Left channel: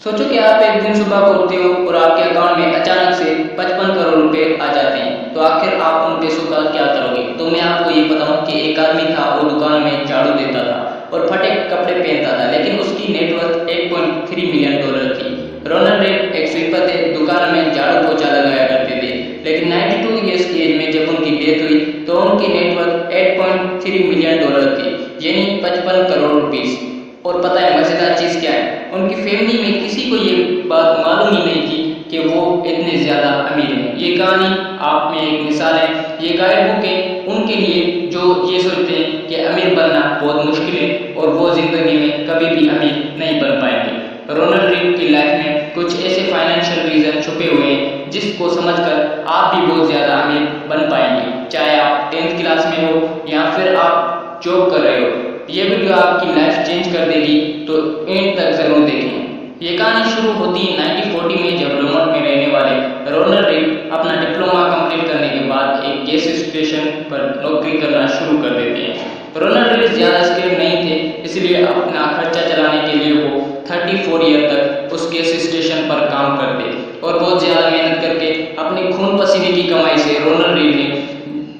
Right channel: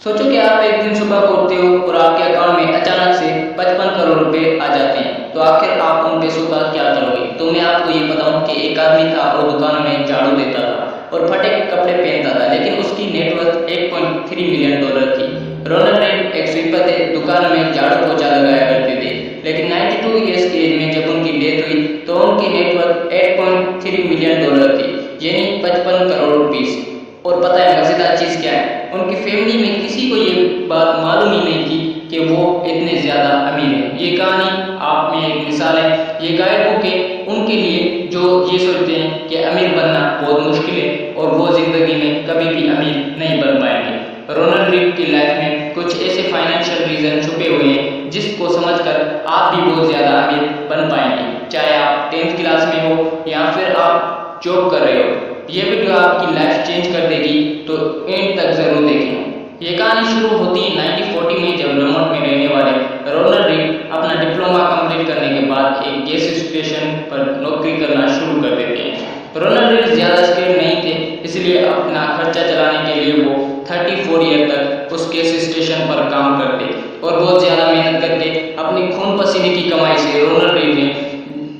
सोचो कि आप एक दिन सुबह को उठते हो और आपके अकाउंट में अचानक से 55 करोड़ रुपए आ जाते हैं, तो आखिर आप उन पैसों का क्या करोगे? तो मैं आपको ये बताऊं कि एक आदमी था और दुकान में झाड़ू देता था और फटे कपड़े पहनता था, लेकिन उसकी नेटवर्थ 8.3 मिलियन डॉलर थी। रोनाल्ड रेड एक स्वीपर थे, दुकान में झाड़ू पोछा लगाया करते थे, लेकिन 92 ईयर्स की एज में जब उनकी डेथ हुई तो उनकी नेटवर्थ 8.3 मिलियन डॉलर थी, यानी 55 करोड़ रुपीस। और पता है मजेदार चीज क्या है? उनकी फैमिली में किसी को ये बात मालूम ही नहीं थी कि वो इतने ज्यादा अमीर हैं। ये कहानी आप में एक मिसाल है, ये गाइड बुक है उनके लिए जो ये सोचते हैं कि अमीर बनना बहुत मुश्किल है और वो जिंदगी में कभी भी अमीर नहीं बन पाएंगे। रोनाल्ड रेड की लाइफ में कुछ ऐसे फाइनेंशियल रीजन छुपे हुए हैं जिसको समझकर आप भी बहुत ज्यादा अमीर बन पाएंगे, चाहे आप 10th क्लास में हो या फिर आप जॉब कर रहे हो। ये वीडियो आपकी लाइफ चेंज कर देगी, तो एंड तक जरूर देखें। ये कहानी शुरू होती है 1940 में, जब रोमोट में रहने वाले रोनाल्ड रेड अपना डिप्लोमा कंप्लीट करने के बाद एक गैस स्टेशन पर नौकरी करना शुरू कर देते हैं। रोनाल्ड रेड ज्यादा स्किल्ड नहीं थे, इसलिए अपना खर्चा चलाने के लिए वो 34 ईयर तक उस गैस स्टेशन पर काम करते और बहुत ज्यादा मेहनत करके अपने खून पसीने की कमाई से रोनाल्ड रेड ने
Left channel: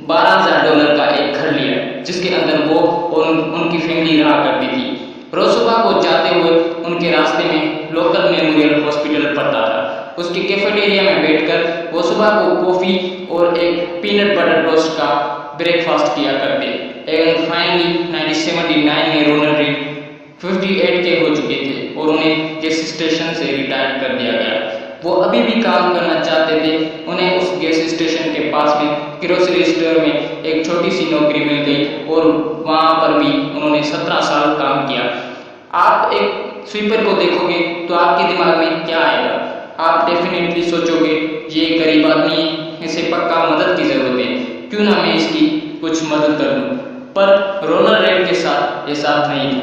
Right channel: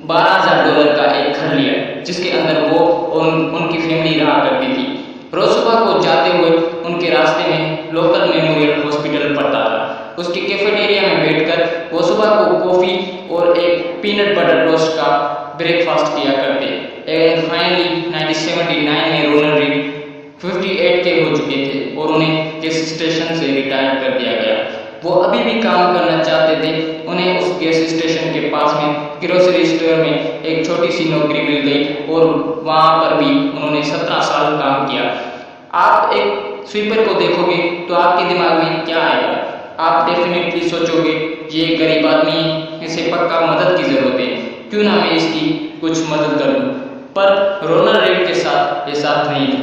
$12,000 का एक घर लिया, जिसके अंदर वो और उनकी फैमिली रहा करती थी। रोज सुबह को जाते हुए उनके रास्ते में लोकल मेमोरियल हॉस्पिटल पड़ता था। उसके कैफेटेरिया में बैठकर वो सुबह को कॉफी और एक पीनट बटर टोस्ट का ब्रेकफास्ट किया करते। एंड फाइनली 1979 में रोनाल्ड रेड 58 के हो चुके थे और उन्हें गैस स्टेशन से रिटायर कर दिया गया। वो अभी भी काम करना चाहते थे। उन्हें उस गैस स्टेशन के पास में ग्रोसरी स्टोर में एक छोटी सी नौकरी मिल गई और वहां पर भी उन्होंने 17 साल काम किया। आप एक स्वीपर को देखोगे तो आपके दिमाग में क्या आएगा? आप डेफिनेटली सोचोगे ये गरीब आदमी है, इसे पक्का मदद की जरूरत है, क्यों ना मैं इसकी कुछ मदद कर दूं। पर रोनाल्ड रेड के साथ ऐसा नहीं था।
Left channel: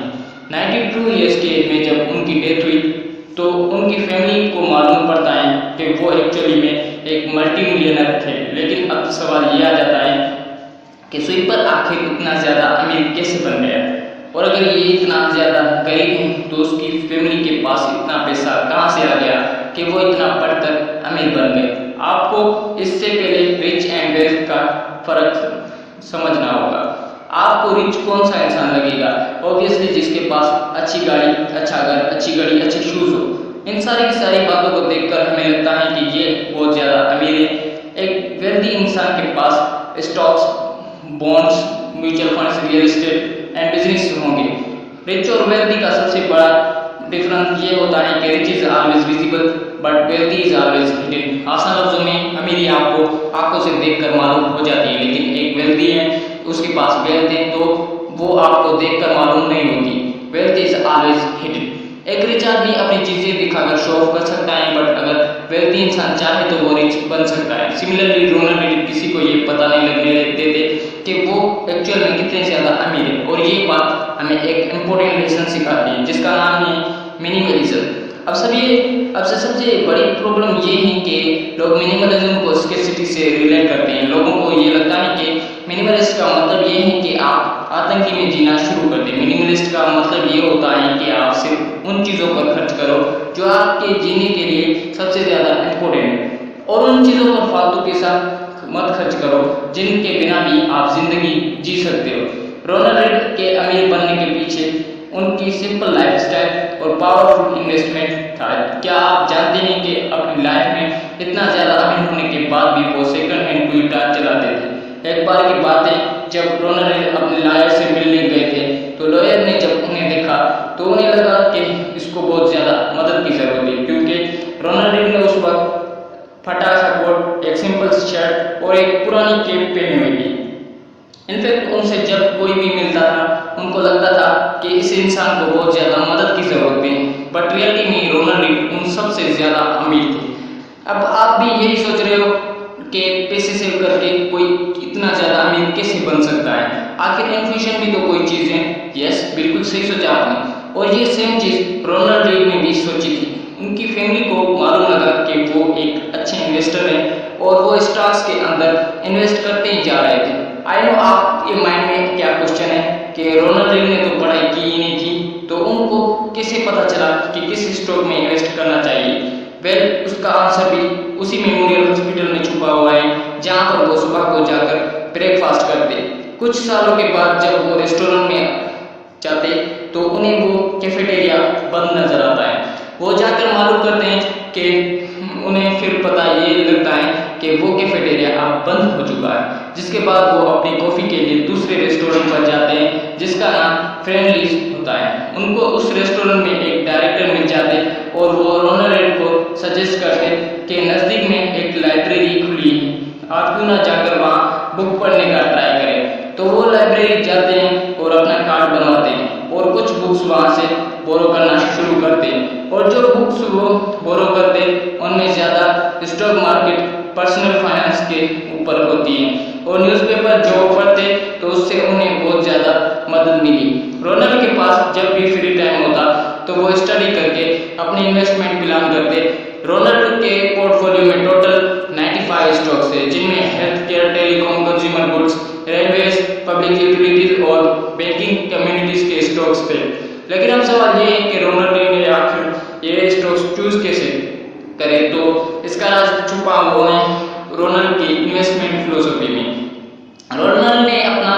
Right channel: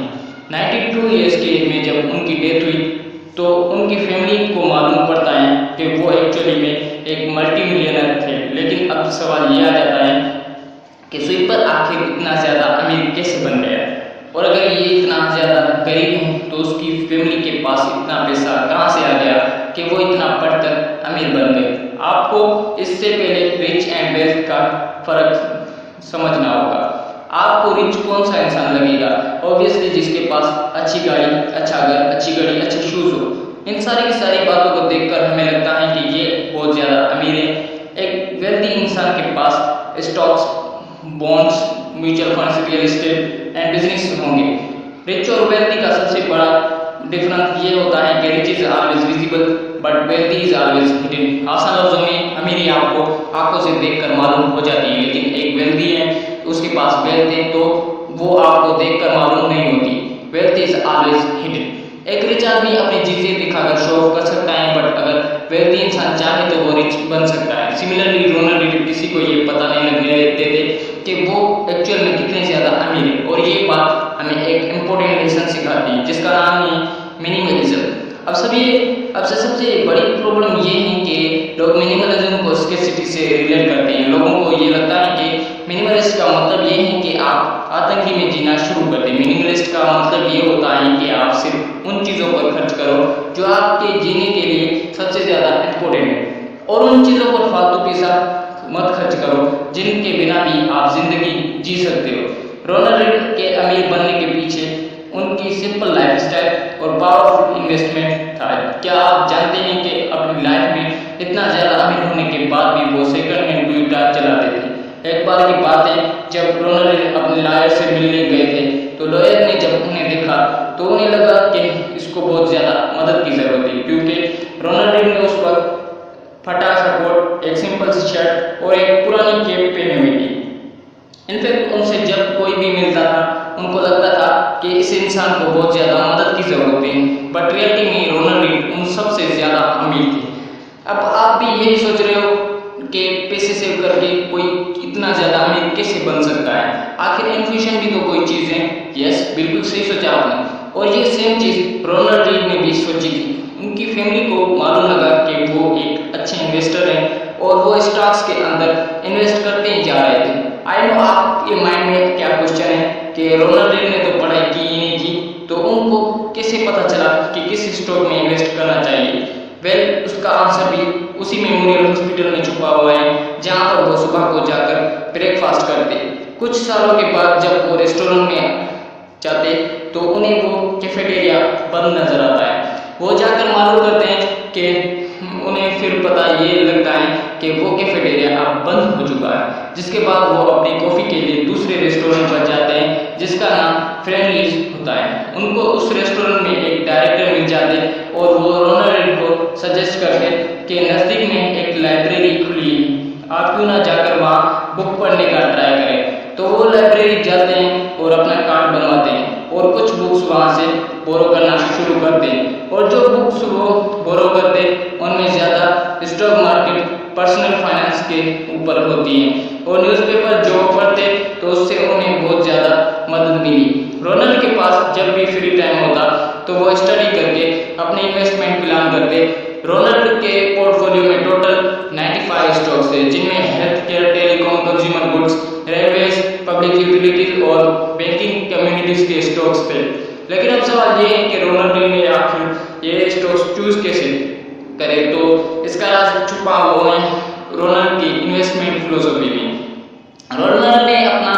92 ईयर्स की एज में जब उनकी डेथ हुई तो उनकी फैमिली को मालूम पड़ता है कि वो एक्चुअली में एक मल्टी मिलियनर थे। लेकिन अब सवाल ये आ जाता है कि स्वीपर आखिर इतना ज्यादा अमीर कैसे बन गया, और अगर ये इतना ज्यादा गरीब है तो उसकी फैमिली के पास इतना पैसा कहाँ से आ गया कि वो इतना पढ़कर अमीर बन गए। आपको इससे पहले रिच एंड वेल्थ का फर्क समझना होगा। आपको रिच कौन सा इंसान लगेगा? ऑब्वियसली जिसके पास अच्छी गाड़ी, अच्छा घर, अच्छी घड़ी, अच्छे शूज हो। इन सारी की सारी बातों को देखकर हमें लगता है कि ये बहुत ज्यादा अमीर है। एक वेल्दी इंसान के पास stocks, bonds, mutual funds, real estate and business होंगे। रिच और वेल्दी का सबसे बड़ा डिफरेंस ये होता है कि rich is always visible but wealthy is always hidden. आसान लफ्जों में अमीरी आपको आंखों से देखकर मालूम हो जाती है, लेकिन एक वेल्दी है उसके पास वेल्थ है तो वो आपको देखकर मालूम नहीं होती। Wealth is always hidden. एक रिच आदमी अपनी चीजें दिखाकर शो ऑफ कर सकता है, बट अगर वेल्थी इंसान चाहे तो वो रिच बन सकता है। सिमिलरली रोनाल्ड रेड किसी को ये पता नहीं लगने देते कि वो एक्चुअल में कितने ज्यादा अमीर है, और ये बात हमें एक इम्पोर्टेंट लेसन सिखाती है जिसका नाम है मिनिमलिज्म। अब सबसे बड़ी प्रॉब्लम ये है कि लोग मिनिमलिज्म को स्कैर्सिटी से रिलेट करते हैं। लोगों को ये लगता है कि मिनिमलिस्ट का मतलब ये है कि आप आतंकी में जीना शुरू कर दें। मिनिमलिस्ट का मतलब ये होता है कि आप सिर्फ उन चीज़ों पर खर्च करो जो आपके जीने के लिए सबसे ज़्यादा इम्पोर्टेंट है, और उन चीज़ों पर फालतू पैसा मत खर्च करो जिनके बिना भी आप जिंदगी जी सकते हो। रोनाल्ड रेड के अमीर बनने के पीछे उनकी सिंपल लाइफस्टाइल और पावरफुल इन्वेस्टमेंट था। क्या आप जानते हैं कि अपनी लाइफ में इतना ज़्यादा अमीर होने के बाद भी वो सेकंड हैंड टोयोटा चलाते थे। एक बार की बात है, जब रोनाल्ड रेड अपने लॉयर से मिलने गए थे तो लॉयर ने जब उन्हें देखा तो उन्हें लगा कि इसको बहुत ज़्यादा मदद की ज़रूरत है, क्योंकि रोनाल्ड रेड ने उस वक्त फटा सा कोट, एक सिंपल सी शर्ट और एक पुरानी कैप पहनी हुई थी। इनफैक्ट उनसे जब कोई भी मिलता था उनको लगता था कि इस इंसान को बहुत ज़्यादा मदद की ज़रूरत है, बट रियलिटी में रोनाल्ड रेड उन सबसे ज़्यादा अमीर थे। अब आप भी यही सोच रहे हो कि पैसे सेव करके कोई इतना ज़्यादा अमीर कैसे बन सकता है? आखिर इन्फ्लेशन भी तो कोई चीज़ है। यस, बिल्कुल सही सोचा आपने, और ये सेम चीज़ रोनाल्ड रेड ने भी सोची थी। उनकी फैमिली को मालूम लगा कि वो एक अच्छे इन्वेस्टर हैं और वो स्टॉक्स के अंदर इन्वेस्ट करते ही जा रहे थे। आई नो आप ये माइंड में क्या क्वेश्चन है कि रोनाल्ड रेड ने तो पढ़ाई की ही नहीं थी, तो उनको कैसे पता चला कि किस स्टॉक में इन्वेस्ट करना चाहिए? वेल, उसका आंसर भी उसी मेमोरियल हॉस्पिटल में छुपा हुआ है जहाँ पर वो सुबह को जाकर ब्रेकफास्ट करते। कुछ सालों के बाद जब वो रेस्टोरेंट में जाते तो उन्हें वो कैफेटेरिया बंद नजर आता है। वो जाकर मालूम करते हैं कि उन्हें फिर पता ये लगता है कि वो कैफेटेरिया अब बंद हो चुका है। जिसके बाद वो अपनी कॉफ़ी के लिए दूसरे रेस्टोरेंट पर जाते हैं जिसका नाम फ्रेंडलीज होता है। उनको उस रेस्टोरेंट में एक डायरेक्टर मिल जाते और वो रोनाल्ड रेड को सजेस्ट करते कि नज़दीक में एक लाइब्रेरी खुली है, आप क्यों ना जाकर वहाँ बुक पढ़ने का ट्राई करें। तो वो लाइब्रेरी जाते हैं और अपना कार्ड बनवाते हैं और कुछ बुक्स वहाँ से बोरो करना शुरू करते हैं। और जो बुक्स वो बोरो करते उनमें ज़्यादा स्टॉक मार्केट, पर्सनल फाइनेंस के ऊपर होती हैं और न्यूज़पेपर जो वो पढ़ते तो उससे उन्हें बहुत ज़्यादा मदद मिली। रोनाल्ड के पास जब भी फ्री टाइम होता तो वो स्टडी करके अपने इन्वेस्टमेंट प्लान करते। रोनाल्ड के पोर्टफोलियो में टोटल 95 स्टॉक्स थे जिनमें health care, telecom, consumer goods, railways, public utilities और बैंकिंग कम्युनिटीज के स्टॉक्स थे। लेकिन अब सवाल ये है कि रोनाल्ड ने आखिर ये स्टॉक्स चूज कैसे करे? तो इसका राज छुपा हुआ है रोनाल्ड की इन्वेस्टमेंट फिलोसफी में। रोनाल्ड ने अपना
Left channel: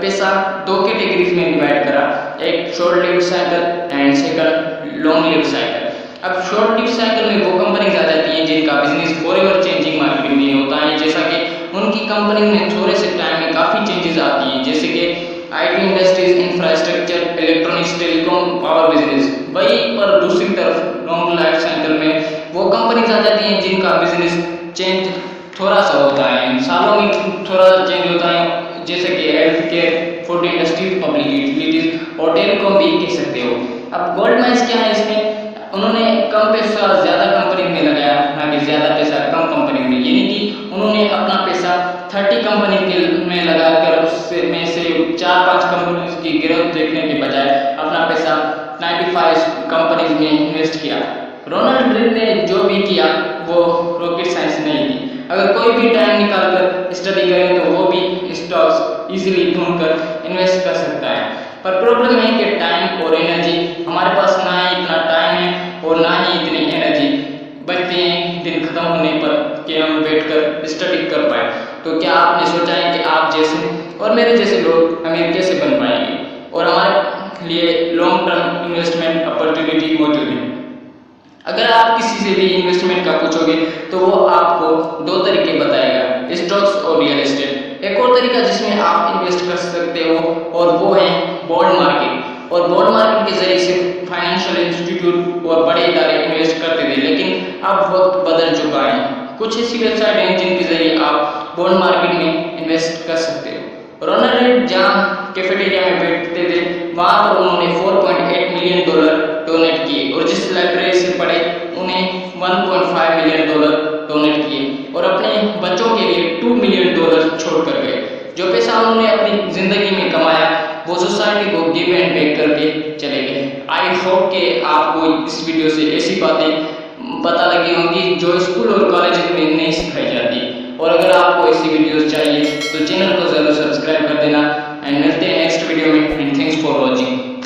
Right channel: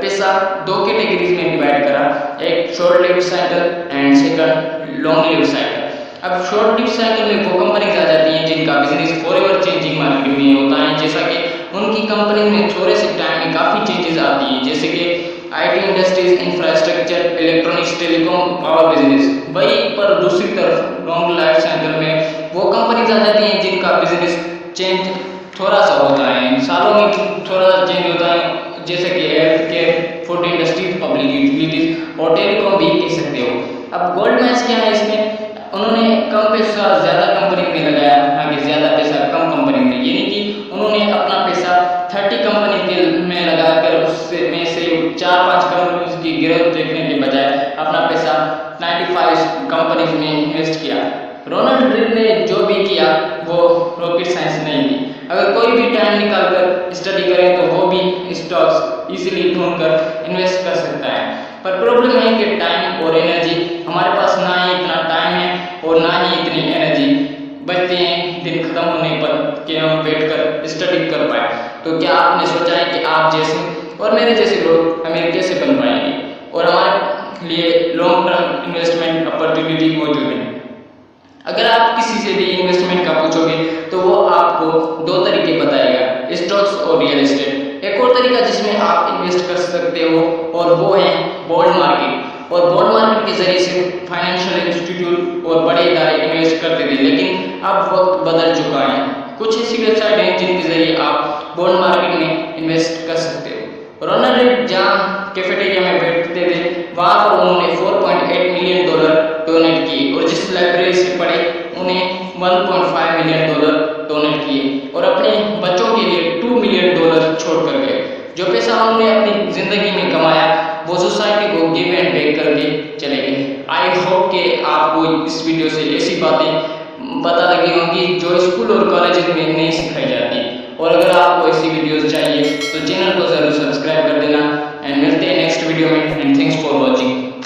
पैसा दो कैटेगरीज में डिवाइड करा, एक short lived cycle and second long lived cycle. अब शॉर्ट लिव्ड साइकिल में वो कंपनीज आ जाती हैं जिनका बिजनेस फॉरएवर चेंजिंग मार्केट में होता है, जैसा कि उनकी कंपनी में थोड़े से टाइम में काफ़ी चेंजेस आती हैं, जैसे कि IT industries, infrastructure, electronics, telecom, power business. वहीं पर दूसरी तरफ लॉन्ग लाइफ साइकिल में वो कंपनीज आ जाती हैं जिनका बिजनेस चेंज थोड़ा सा होता है, सालों में थोड़ा चेंज होता है, जैसे कि health care, food industries, public utilities और टेलीकॉम भी कह सकते हो। अब गोल्डमैन क्या है इसमें? उन्होंने कम पैसा ज़्यादा कंपनी में लगाया, ना कि ज़्यादा पैसा कम कंपनी में, यानी कि उन्होंने अपना पैसा 30 कंपनी के में लगाकर उससे में से 4-5 कंपनीज की ग्रोथ देखने के बजाय अपना पैसा 95 कंपनीज में इन्वेस्ट किया। रोनाल्ड रेड ने जो भी किया वो रॉकेट साइंस नहीं थी। अगर कोई भी टाइम निकालकर स्टडी करें तो वो भी स्टॉक्स इजीली ढूंढकर इन्वेस्ट कर सकता है। पर प्रॉब्लम है कि टाइम और एनर्जी, हमारे पास ना ही इतना टाइम है और ना ही इतनी एनर्जी बचते हैं दिन खत्म होने पर कि हम बैठ कर स्टडी कर पाए। तो क्या आपने सोचा है कि आप जैसे और मेरे जैसे लोग अमीर कैसे बन पाएंगे और हमारे लिए लॉन्ग टर्म इन्वेस्टमेंट अपॉर्चुनिटी मौजूद है? अगर आप किसी से भी इन्वेस्टमेंट का पूछोगे तो वो आपको दो तरीके बताएगा, स्टॉक्स और रियल एस्टेट। एक और तरीका जिसमें आप इन्वेस्ट कर सकते हो और वो है बॉन्ड मार्केट। और बॉन्ड मार्केट के जरिए से फाइनेंशियल इंस्टीट्यूट और बड़े इदारे इन्वेस्ट करते थे, लेकिन अब वक्त बदल चुका है। कुछ ऐसी वेबसाइट हैं जिनके जरिए आप बॉन्ड मार्केट में इन्वेस्ट कर सकते हो। रोनाल्ड रेड जहाँ कैफेटेरिया में बैठते थे वहाँ पर उन्होंने $4.8 मिलियन डोनेट किए और जिस लाइब्रेरी से पढ़े उन्हें $1.5 मिलियन डोनेट किए और अपने बच्चों के लिए $2 मिलियन छोड़ कर गए। जो पैसा उन्होंने अपनी ज़िंदगी में कमाया वो सोसाइटी को गिव एंड बैक करके चले गए। आई होप कि आपको इस वीडियो से ऐसी बातें पता लगी होंगी जो स्कूल और कॉलेज में नहीं सिखाई जाती। और अगर आपको ऐसी वीडियोस चाहिए तो चैनल को ज़रूर सब्सक्राइब कर देना एंड मिलते हैं नेक्स्ट वीडियो में एंड थैंक्स फॉर वॉचिंग।